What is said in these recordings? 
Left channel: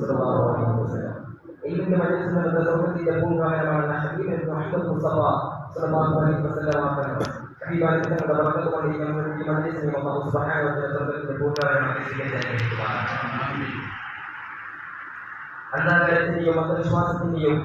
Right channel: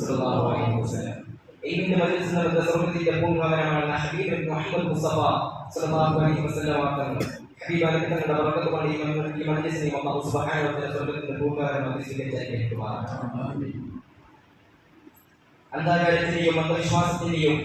സല്ലല്ലാഹു അലൈഹി വസല്ലം. ഇൽമിന്റെ മജ്‌ലിസിൽ നടന്ന സ്വർഗ്ഗത്തിന്റെ പൂർവ്വകാലമാണ് ഹബീബ് മുഹമ്മദ് മുസ്തഫ സല്ലല്ലാഹു അലൈഹി വസല്ലം തങ്ങൾ. ഹബീബായ തങ്ങളുടെ ബർക്കത്ത് കൊണ്ട് ഈ മജ്‌ലിസിനെ അല്ലാഹു സുബ്ഹാനഹു വ തആല സ്വർഗ്ഗത്തിന്റെ പൂർവ്വകാലമായി സ്വീകരിച്ചു. അന്താകാരത്തിന്റെയും അന്ധവിശ്വാസത്തിന്റെയും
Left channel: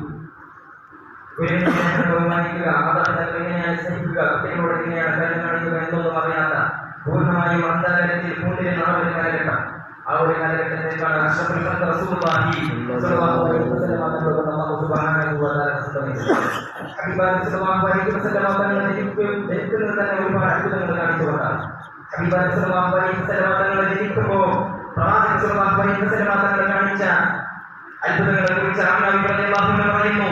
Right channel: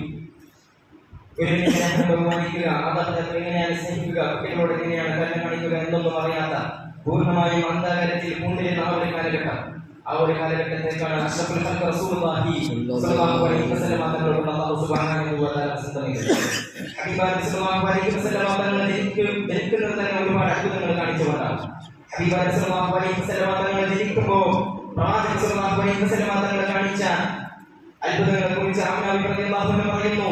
ബഹുമാനിക്കുക, മാതാപിതാക്കൾ എങ്ങനെയാണ് സ്നേഹിക്കുക, കുട്ടികളോട് എങ്ങനെയാണ് കരുണ കാണിക്കുക എന്നൊന്നും അറിയാത്ത പൂർണ്ണമായും അന്താകാരത്തിൽ പൂണ്ടിരുന്ന ആ ഒരു കാലഘട്ടം, ആ ഒരു കാലഘട്ടത്തേക്കാണ് അഷ്റഫുൽ ഖൽഖ് റസൂലുള്ളാഹി സ്വല്ലല്ലാഹു അലൈഹി വസല്ലം തങ്ങളോട് അല്ലാഹു സുബ്ഹാനഹു വ തആല പ്രസംഗിച്ചു. ഹബീബായ സ്വല്ലല്ലാഹു അലൈഹി വസല്ലം തങ്ങൾ ജനിക്കുന്നത് തന്നെ ഒരുപാട് അത്ഭുതങ്ങൾ കാണിച്ചുകൊണ്ടാണ്. ഹബീബായ സ്വല്ലല്ലാഹു അലൈഹി വസല്ലം തങ്ങൾ ജനിക്കുമ്പോൾ പ്രവാചകൻ സ്വല്ലല്ലാഹു അലൈഹി വസല്ലം തങ്ങൾ കാണിച്ച അത്ഭുതങ്ങളെ കുറിച്ച് ആമിന റളിയല്ലാഹു അൻഹ പറയുന്നു.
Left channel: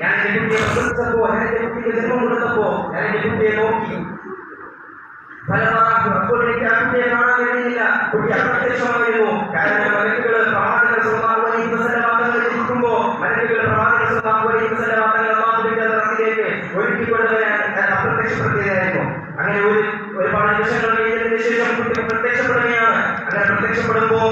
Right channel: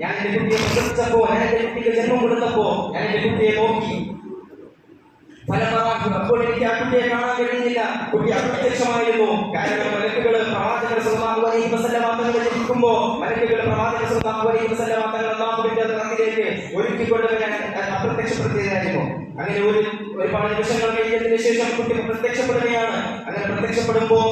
ഞാൻ എന്റെ കുട്ടിയെ പ്രസവിച്ചപ്പോ, ഞാൻ എന്റെ കുട്ടിക്ക് ജന്മം കൊടുത്തപ്പോ ഞാൻ എന്റെ കുട്ടിയെ നോക്കി. അപ്പോൾ എനിക്ക് ആ കുട്ടിയെ കാണാൻ കഴിയുന്നില്ല, കുട്ടി അപ്രത്യക്ഷമായിരുന്നു. കാരണം മലക്കുകൾ പ്രവാചകൻ സ്വല്ലല്ലാഹു അലൈഹി വസല്ലം തങ്ങൾ ജനിക്കുമ്പോ മലക്കുകൾ പ്രവാചകൻ സ്വല്ലല്ലാഹു അലൈഹി വസല്ലം തങ്ങൾ അല്ലാഹുവിന്റെ റഹ്മത്തിലേക്ക് ഒരുക്കിക്കൊണ്ടുവരാൻ അപ്രത്യക്ഷപ്പെടുത്തുകയായിരുന്നു. അങ്ങനെ ഒരുപാട് നിമിഷങ്ങൾ കഴിഞ്ഞതിന് ശേഷം കുട്ടി പ്രത്യക്ഷപ്പെടുകയാണ്. അങ്ങനെ പ്രത്യക്ഷപ്പെടുമ്പോ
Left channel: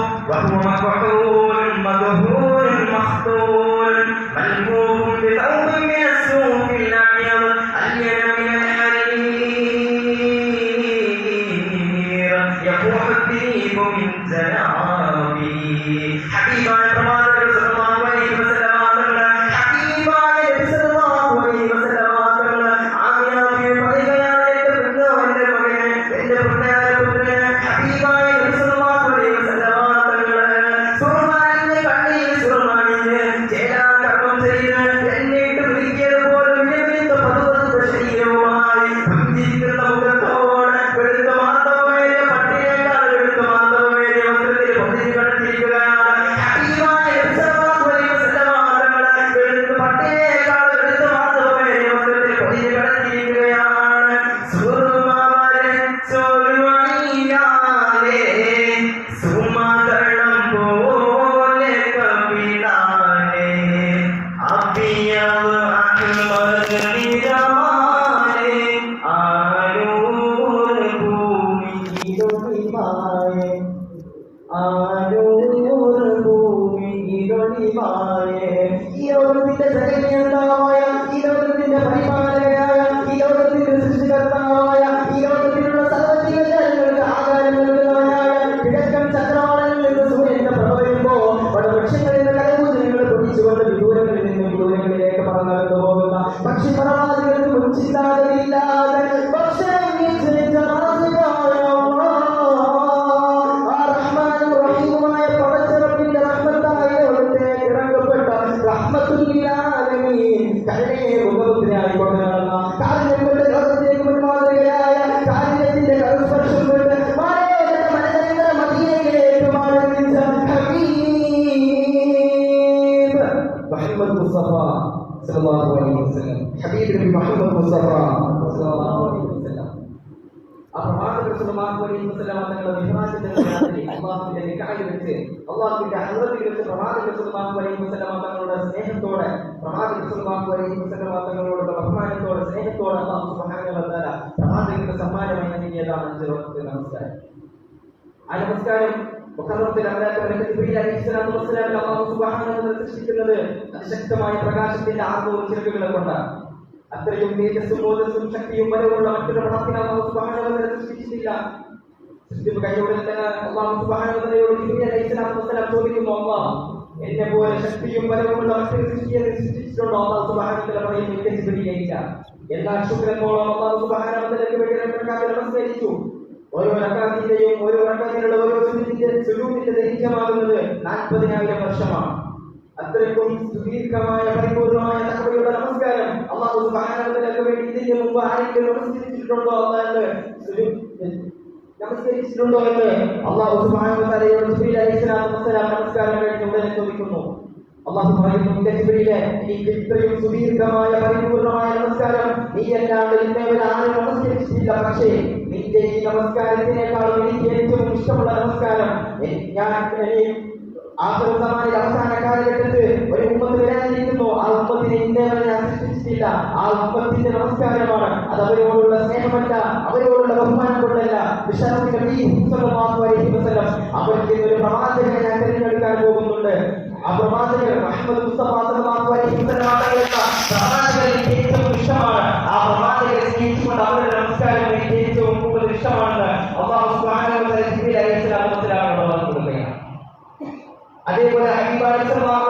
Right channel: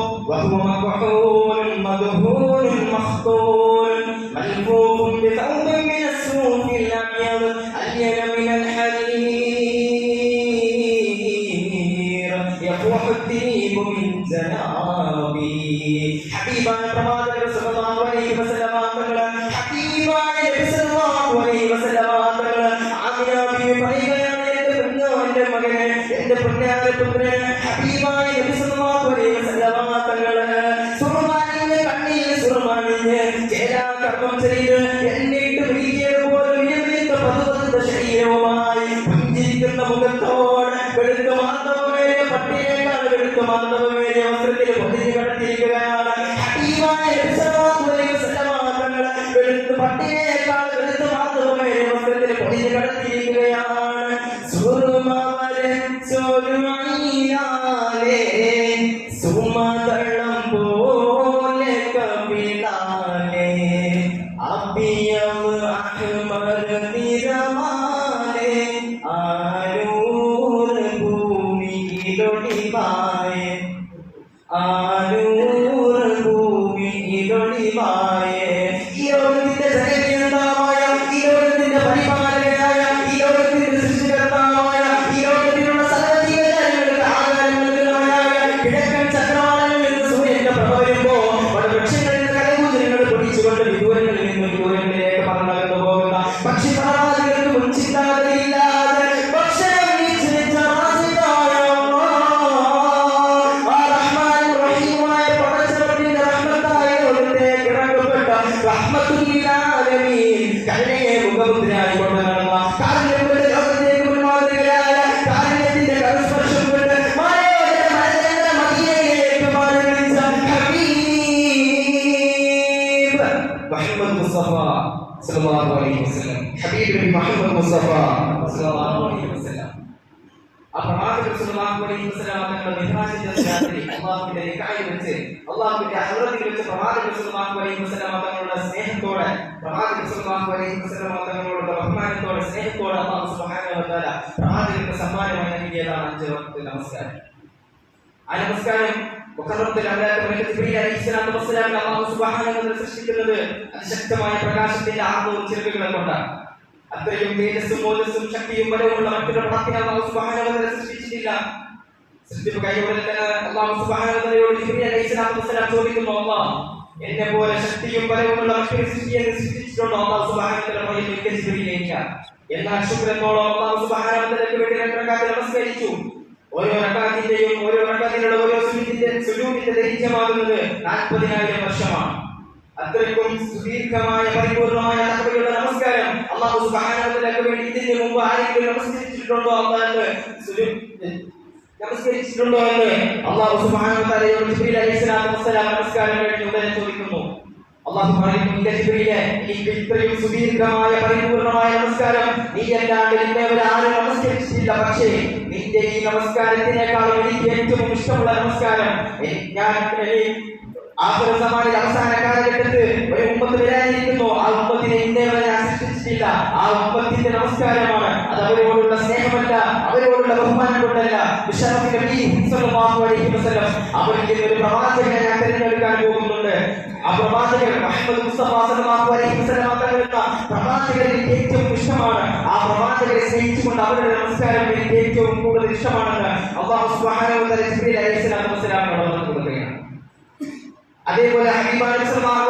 ഹബീബായ പ്രവാചകൻ സ്വല്ലല്ലാഹു അലൈഹി വസല്ലം തങ്ങൾ ഹബീബായ നബി സ്വല്ലല്ലാഹു അലൈഹി വസല്ലം തങ്ങൾ ആമിന ബിബി പറയുകയാണ്, എന്റെ മകനെ, എന്റെ പുണ്യാരപുത്രനെ ഹബീബായ നബി സ്വല്ലല്ലാഹു അലൈഹി വസല്ലം തങ്ങൾ സുർമാനിന്റെ കണ്ണിൽ സുർമാനിന്റെ ചേലാകർമ്മം ചെയ്ത് എന്നിട്ട് വിളിക്കിയതുപോലെ വിലപിച്ച പതുവത്ത ശരീരവുമായി പുഞ്ചിരിക്കുന്ന മുഖത്തോടെ വെളുത്ത മാധവമേറിയ പട്ടിയേക്കാൾ വെളുത്ത മാധവമേറിയ വസ്ത്രത്തിൽ പൊതിഞ്ഞു കിടത്തിയിരിക്കുകയാണ്. ഹബീബായ നബി സ്വല്ലല്ലാഹു അലൈഹി വസല്ലം തങ്ങൾ വെളുത്ത പട്ടിയേക്കാൾ വെളുത്ത മാധവമേറിയ വസ്ത്രത്തിൽ പൊതിഞ്ഞു കിടത്തിയിരിക്കുകയാണ്. സുർമാവരെ സോലുമൈനാലേ സുമതളം പോലെ കവിളാലേ അബിയവ് അഹ്മദ് നിറമാലേ ആനൂർ ഭൂമിയിലൊളിവായേ, ആനൂർ ഭൂമിയിലൊളിവായേ. ഈ ലോകത്തിന്റെ ജനകീയതാവായ, ഈ ലോകത്തിന്റെ പരിപാലകനായ, ഈ ലോകത്തിന്റെ സൃഷ്ടികർത്താവായ, ഈ ലോകത്തിലുള്ള സർവ്വജീവജാലങ്ങൾക്ക് ആധാരം നൽകുന്നവനായ കിഴക്കൻ ചക്രവാളങ്ങളിൽ നിന്ന് സൂര്യന്റെ പ്രഭ വരുമ്പോ വൃക്ഷങ്ങളിൽ നിന്ന് കരകൂചനങ്ങൾ പൊടിച്ചുകൊണ്ട് വിദൂരങ്ങളിൽ നിന്നും വിദൂരങ്ങളിലേക്ക് പറന്നു പോകുന്ന പക്ഷിപറവാദികൾക്ക് മുൻചിന്താഗതിയില്ലാതെ ഭക്ഷണം നിശ്ചയിച്ച മാസികായ ആ റഹ്മാനും റഹീമുമായ പടച്ചവന്റെ റഹ്മത്തായ ലോകത്തേക്ക് ഇറങ്ങപ്പെട്ട റഹ്മത്തുൽ ലിൽ ആലമീൻ കരുണയെ മുഖമുദ്രയായി കൊണ്ട് നടന്ന കാരുണ്യം കൊണ്ട് ലോകത്തേക്ക് മുൻമാതൃകയായ കാരുണ്യത്തിന്റെ കരസ്പർശം കൊണ്ട് മലയോരത്തെ മലനിരന്ന മദീനയിലേക്ക് മാറിവിളിച്ച ഹബീബ് മുഹമ്മദ് മുസ്തഫ സല്ലല്ലാഹു അലൈഹി വസല്ലം. ഹബീബ് നബി മുഹമ്മദ് മുസ്തഫ സല്ലല്ലാഹു അലൈഹി വസല്ലം. ആ പ്രവാചകൻ സല്ലല്ലാഹു അലൈഹി വസല്ലം തങ്ങളുടെ മിഹ്റാജിന്റെ രാത്രി അല്ലാഹുവിന്റെ നികായിൽ വെച്ച്, അല്ലാഹുവിന്റെ ഹദ്റത്തിൽ വെച്ച് പ്രവാചകൻ സല്ലല്ലാഹു അലൈഹി വസല്ലം തങ്ങളുടെ സ്നേഹത്തോടെ, പ്രവാചകൻ സല്ലല്ലാഹു അലൈഹി വസല്ലം തങ്ങളുടെ ബഹുമാനത്തോടെ, സ്നേഹത്തോടെ അല്ലാഹു സുബ്ഹാനഹു വ തആല പ്രവാചകന്റെ സമ്മാനമായി നൽകിയതാണ് 5 വക്ത് നമസ്കാരം. ആ നമസ്കാരം മുഖറത്തിൽ ജിബ്രീൽ അലൈഹിസ്സലാത്തു വസ്സലാം അല്ലാഹു സുബ്ഹാനഹു വ തആല സൃഷ്ടിക്കുന്നത് അതിശക്തമായ പ്രകാശത്തിന്റെ 600 ചിറകുകളെ കൊണ്ടാണ്. അത്രയും തേജസ്സും ഓജസ്സും ശക്തിയും ബലവുമുള്ള മറ്റൊരു പടത്തിനെ അല്ലാഹു സുബ്ഹാനഹു വ തആല സൃഷ്ടിച്ചിട്ടില്ല. സൃഷ്ടിപ്പ് കൈയോടെ അല്ലാഹു സുബ്ഹാനഹു വ തആലയോട് ജിബ്രീൽ അലൈഹിസ്സലാത്തു വസ്സലാം ചോദിക്കുന്നു, അല്ലാഹ് എന്നെ പോലെ ശക്തിയും ബലവുമുള്ള മറ്റൊരു സൃഷ്ടിയെ സൃഷ്ടിച്ചിട്ടുണ്ടോ? അല്ലാഹു സുബ്ഹാനഹു വ തആല പറയുന്നു, ഇല്ല ജിബ്രീലേ, ഇല്ല. എന്നാൽ ശുക്രനോളം അല്ലാഹു സുബ്ഹാനഹു വ തആലയ്ക്ക് വേണ്ടി 2 റക്അത്ത് നമസ്കരിച്ചു. ഓരോ റക്അത്തിന്റെയും ഓരോ റക്അത്തിനുള്ള ഓരോ സുജൂദിന്റെ ദൈർഘ്യമാകുന്നത് 40,000 വർഷമാണ്. അത്രയ്ക്കും സുദീർഘമായ പരിപൂർണമായ തഖ്വയുള്ള നമസ്കാരം അല്ലാഹു സുബ്ഹാനഹു വ തആലയ്ക്ക് വേണ്ടി ഇതിന് മുമ്പ് ആരെങ്കിലും നമസ്കരിച്ചിട്ടുണ്ടോ? നമസ്കരിച്ചിട്ടുണ്ടോ എന്ന് അല്ലാഹു സുബ്ഹാനഹു വ തആലയോട് ജിബ്രീൽ അലൈഹിസ്സലാത്തു വസ്സലാം നമസ്കാരം കഴിഞ്ഞ് ഉടനെ ചോദിക്കുന്നു. അല്ലാഹു പറയുന്നു, ഇല്ല ജിബ്രീലേ, എനിക്ക് ഇത്രയും സുദീർഘമായ പരിപൂർണമായ നമസ്കാരം നീയല്ലാണ്ട് ഇന്നേവരാരും നമസ്കരിച്ചിട്ടില്ല. പക്ഷേ നിന്റെ ഈ നമസ്കാരത്തിനേക്കാളും എനിക്ക് ഏറ്റവും ഇഷ്ടമുള്ള നമസ്കാരം ഞാൻ ആഖിറസമാനിൽ അവസാന കാലഘട്ടത്തിൽ ഒരു ഉമ്മത്ത് വരാനിരിക്കുന്നു. ആ ഉമ്മത്തിനെ ഇന്നേവരെ ഞാൻ സൃഷ്ടിച്ചിട്ടില്ല. ആ ഉമ്മത്തിന്റെ നമസ്കാരമാണ്. അത് അത് അവരോടുള്ള സ്നേഹമല്ല, അവരോടുള്ള ബഹുമാനം കൊണ്ടല്ല. അവർക്ക് ഒരു പ്രവാചകനെ ഞാൻ തിരഞ്ഞെടുക്കാൻ പോകുന്നുണ്ട്. ആ പ്രവാചകൻ മുഹമ്മദ് മുസ്തഫ സല്ലല്ലാഹു അലൈഹി വസല്ലം തങ്ങളുടെ പ്രവാചകൻ എനിക്ക് ഏറ്റവും ഇഷ്ടമാണ്. ആ പ്രവാചകനെ സ്നേഹിച്ചുകൊണ്ട് അവരുടെ നമസ്കാരം എനിക്ക് ഏറ്റവും കൂടുതൽ ഇഷ്ടമാണെന്ന് അല്ലാഹു സുബ്ഹാനഹു വ തആല ജിബ്രീൽ അലൈഹിസ്സലാത്തു വസ്സലാമിനോട് പറഞ്ഞു കൊടുക്കുകയാണ്. അതേപോലെ ഹബീബായ സല്ലല്ലാഹു